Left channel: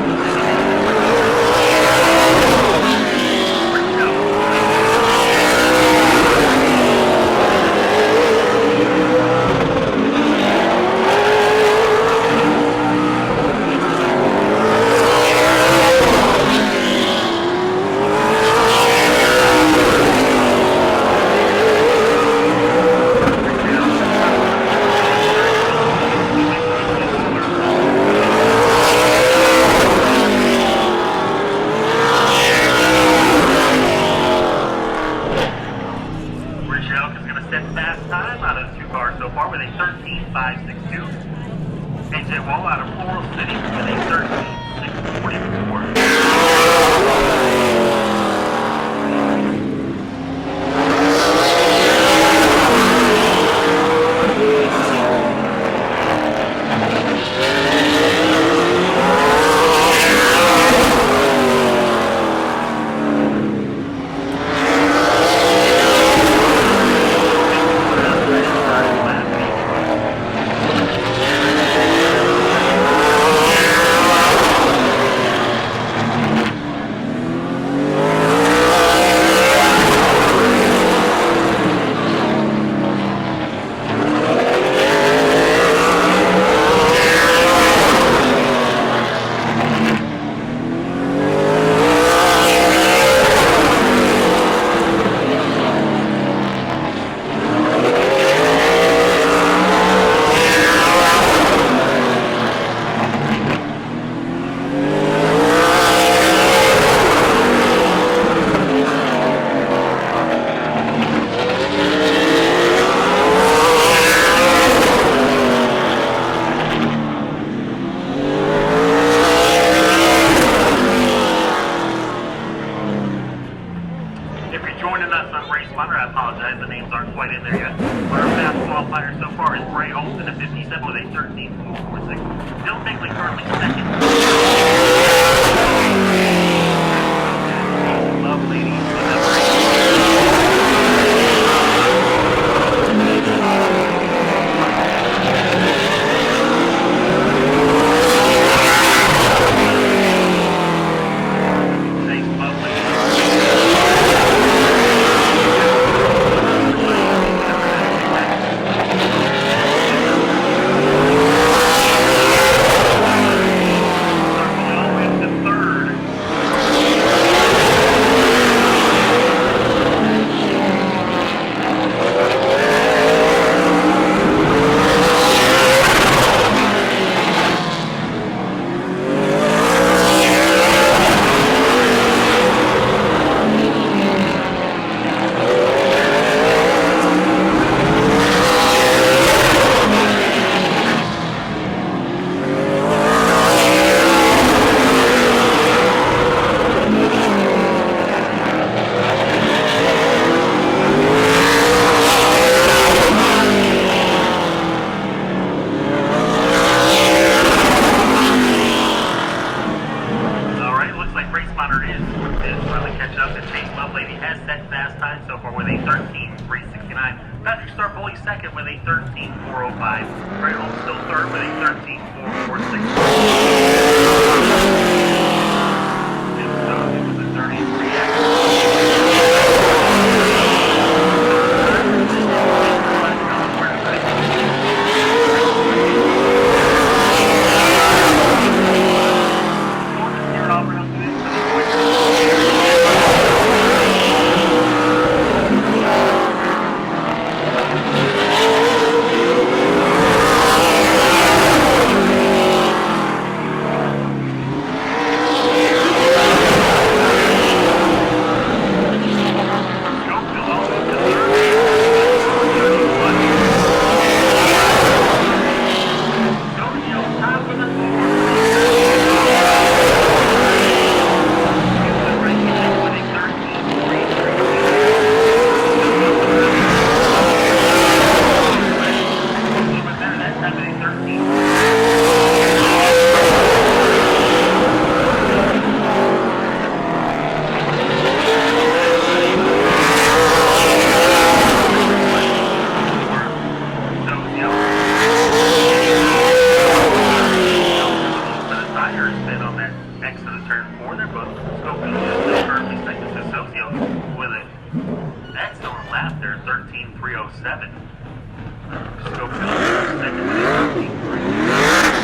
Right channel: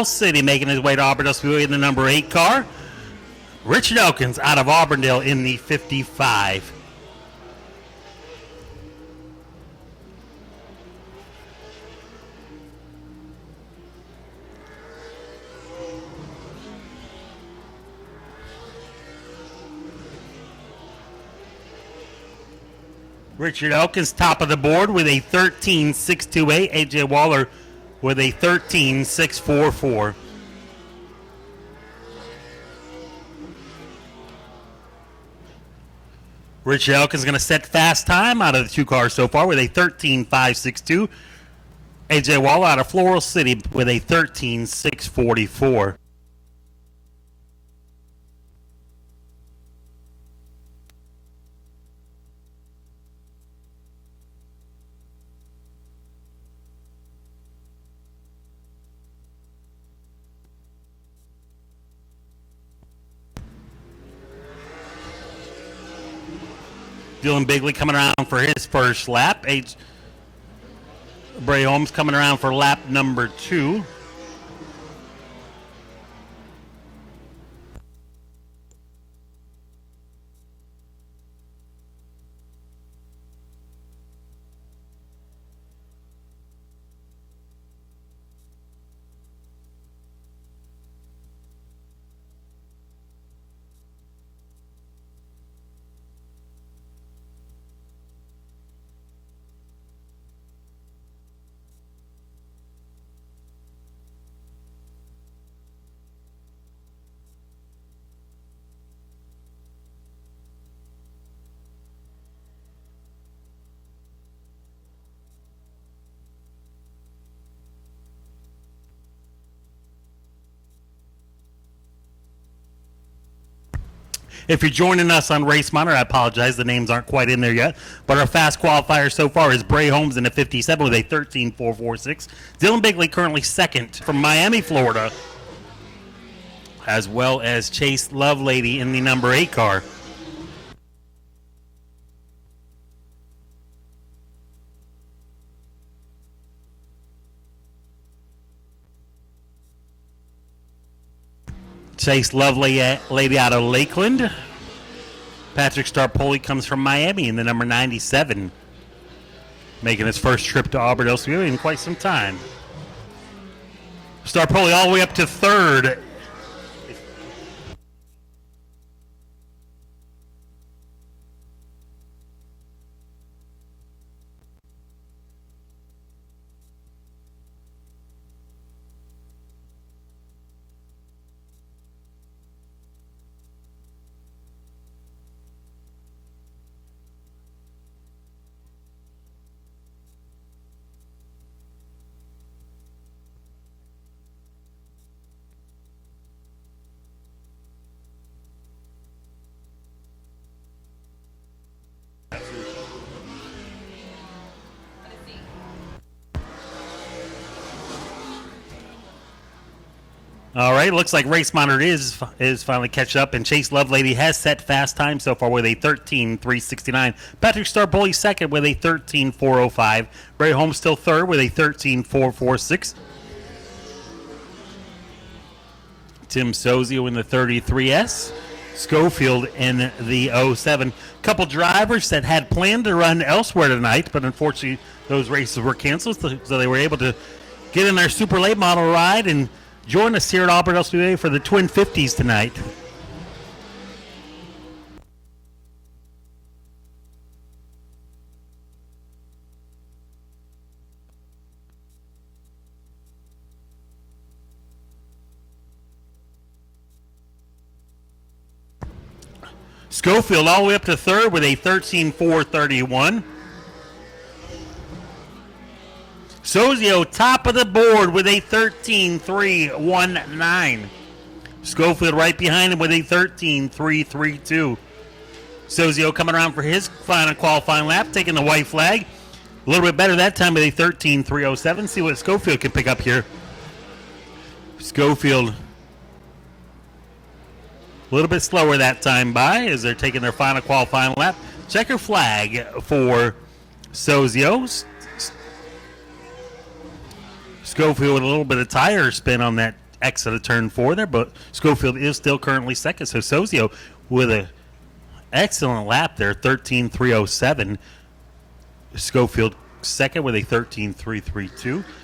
Floral City making his way to Auburndale Speedway in number 8 car. Richard Elkins out of Auburndale in at 55. Top of the board with a 13.628. AJ Waller with a 13.644. Richard Elk is going to set fast time out of the two cars so far with a 13.562. AJ Waller out of Floral City with a 13.644. If you're joining us on Race Monitor, I apologize, the names aren't quite in there yet. But our fast qualifier so far is Bray Holmes in the 57 with a 13.446. Dylan Bigley currently second in Miami, as well as Chase Lovelady in the number 8 car. Chase Lady out of Lakeland. Patrick Starpoli comes from Miami in the number 97. Making his first trip to Auburndale Speedway. Starpoli all the way up to third. Looks like Race Monitor is finally catch up, and Chase Lovelady has set fast time so far with a 13.369. Patrick Starpoli second with a 13.405. Bray Holmes still third with a 13.446. Tim Sozio in the 33S. Schofield in the 07. A couple of drivers that had planned to run elsewhere tonight, but unfortunately those races were canceled. But they're able to get in their Super Late model live and join us here at Auburndale Speedway for the Twin 50s tonight. Schofield all the way up to third with a 13.431. Sozio top of the board with a 13.319. Schofield right behind him with a 13.332. Sozio coming around from his final qualifying lap, taking the white flag. A little bit better that time with a 13.307. See what Schofield can pick up here. Schofield a little bit slower that time by. Checkered flag for Sozio. Schofield with a little bit of tire spin on that exit of turn 4 there, but Schofield is still currently second. So Sozio with an excellent lap there, 13.307. Schofield second with a 13.3.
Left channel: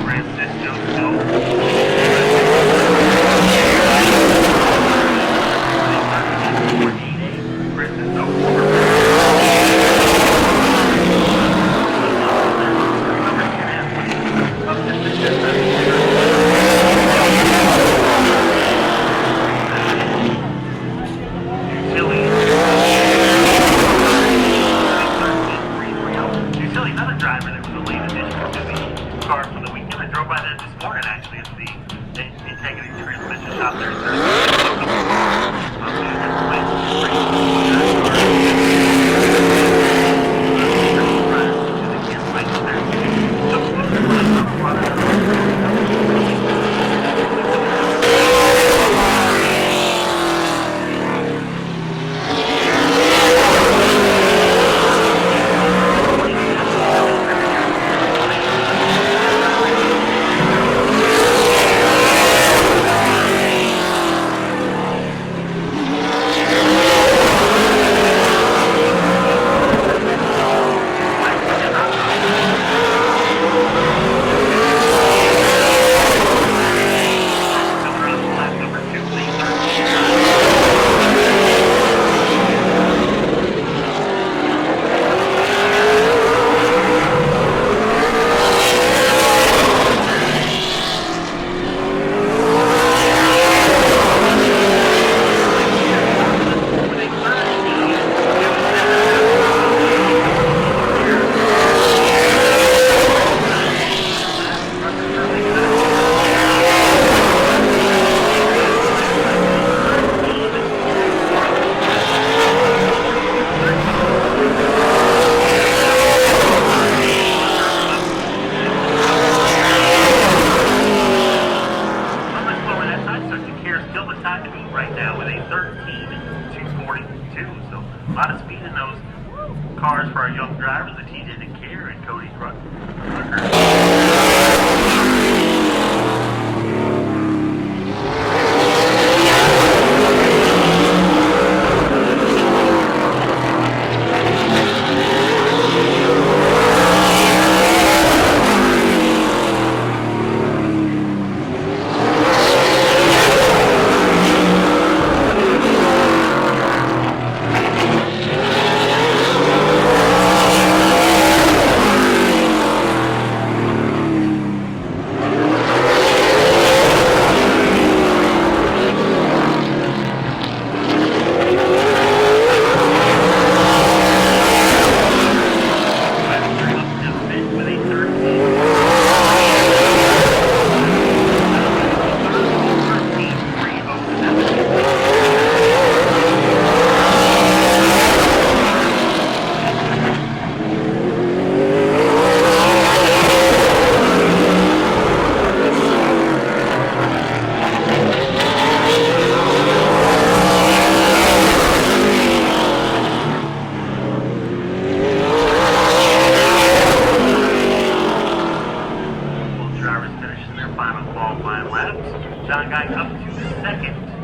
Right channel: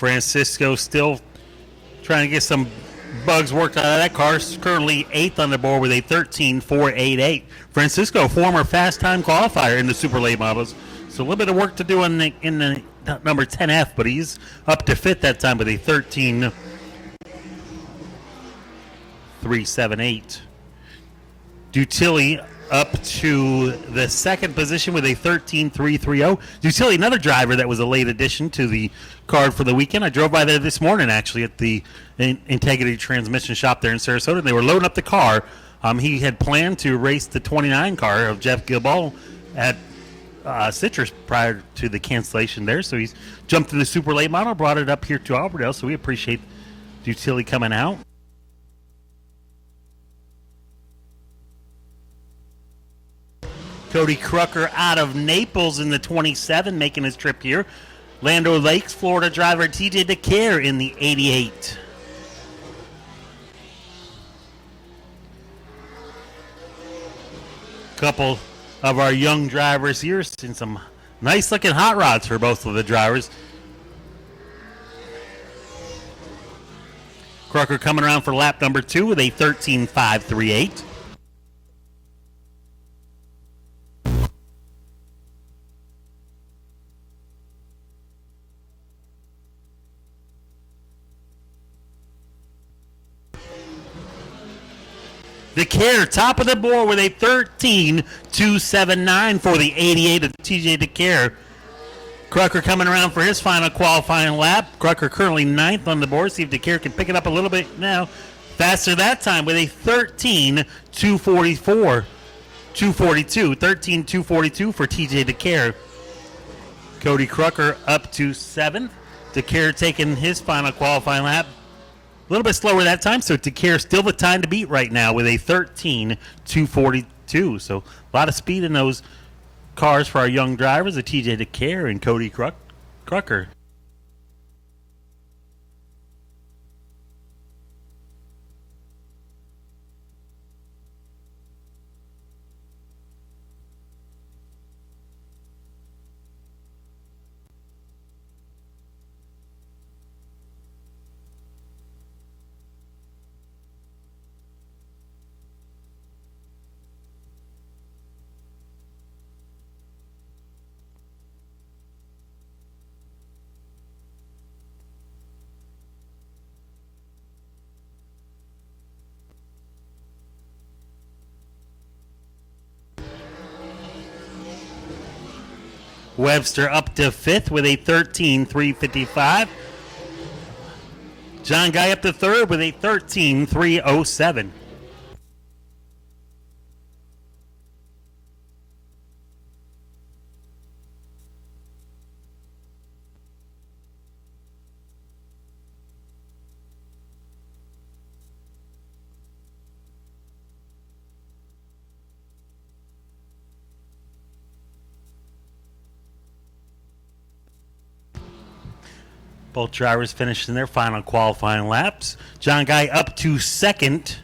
Francisco still trying to get some fun cars. Currently 8th on the board with a 13.488. Francisco, former fast qualifier. A little bit of work to do in the number 10F, but he's up to 5th that time with a 13.378. Dutilly up to the second position with a 13.330. Dutilly, another driver that was a late addition to the card for the weekend. I drove by there this morning actually at the Integrity Transmission Shop there in Sarasota. They were loading up the car. He had planned to race the 29 car at Citrus prior to the cancellation there, so he jumped in the super late model, brought it up here and drove. So we appreciate Dutilly coming out. Making a trip here. Lando Lake, Florida driver TJ DeCare in the 80. Of our young drivers here. So nice looking hot rods for both of the drivers. Trucker coming around for lap number 2 with a 13.538. With a 13.279 for the 88 of TJ DeCare. Drucker pulling around for his final qualifying lap. Drucker currently 9th on the board. Faster that time with a 13.242 for TJ DeCare. Cody Drucker up to 7th. DeCare taking his final qualifying lap. A little bit slower that time, so DeCare still the time to beat right now with a 13.242. So a lot of speed in those cars for our young drivers, the TJ DeCare and Cody Drucker. To 5th with a 13.355. John Guy up to 3rd with a 13.307. Drivers finishing their final qualifying laps. John Guy up to 2nd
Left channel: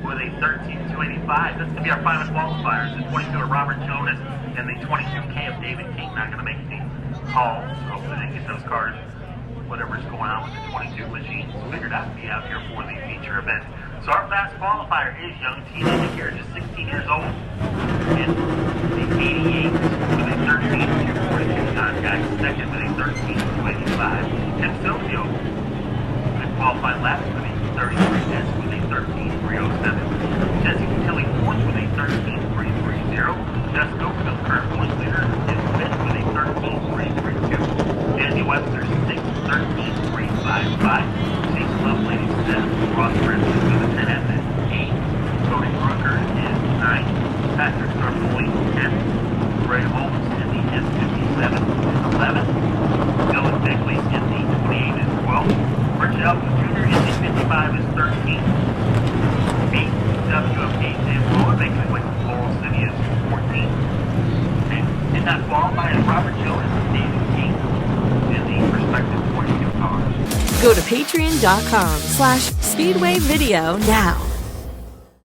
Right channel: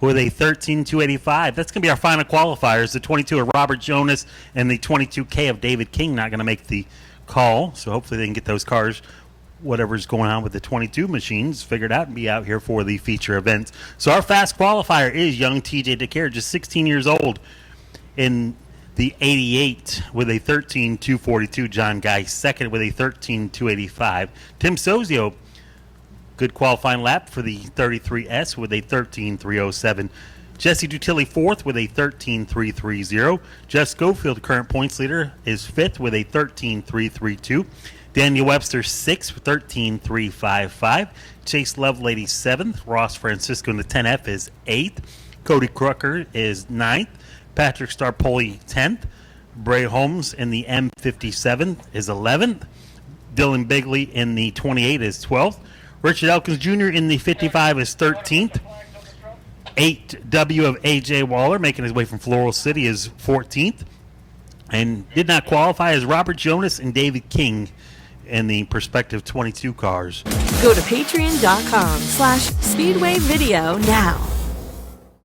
with a 13.285. That's going to be our final qualifiers. The 22 of Robert Jonas and the 22K of David King not going to make the call. So hopefully they can get those cars, whatever's going on with the 22 machines, figured out and be out here for the feature events. So our fast qualifier is young TJ DeCare, just 16 years old in The 88 with a 13.242. John Guy second with a 13.285. Tim Sozio, good qualifying lap for the 33S with a 13.307. Jesse Tutilli fourth with a 13.330. Jess Schofield, current points leader, is fifth with a 13.332. Daniel Webster sixth, 13.355. Chase Lovelady seventh. Ross Francisco, the 10F, is eighth. Cody Drucker is ninth. Patrick Starpoli 10th. Ray Holmes in the M57 is 11th. Dylan Bigley in the 28 is 12th. Richard Elkins Jr. in the 55 is 13th. 8W of AJ Waller making his way from Floral City is 14th. And did not qualify as Robert Jonas and David King in the respective 22 cars. Go to patreon.com/Speedway Video now.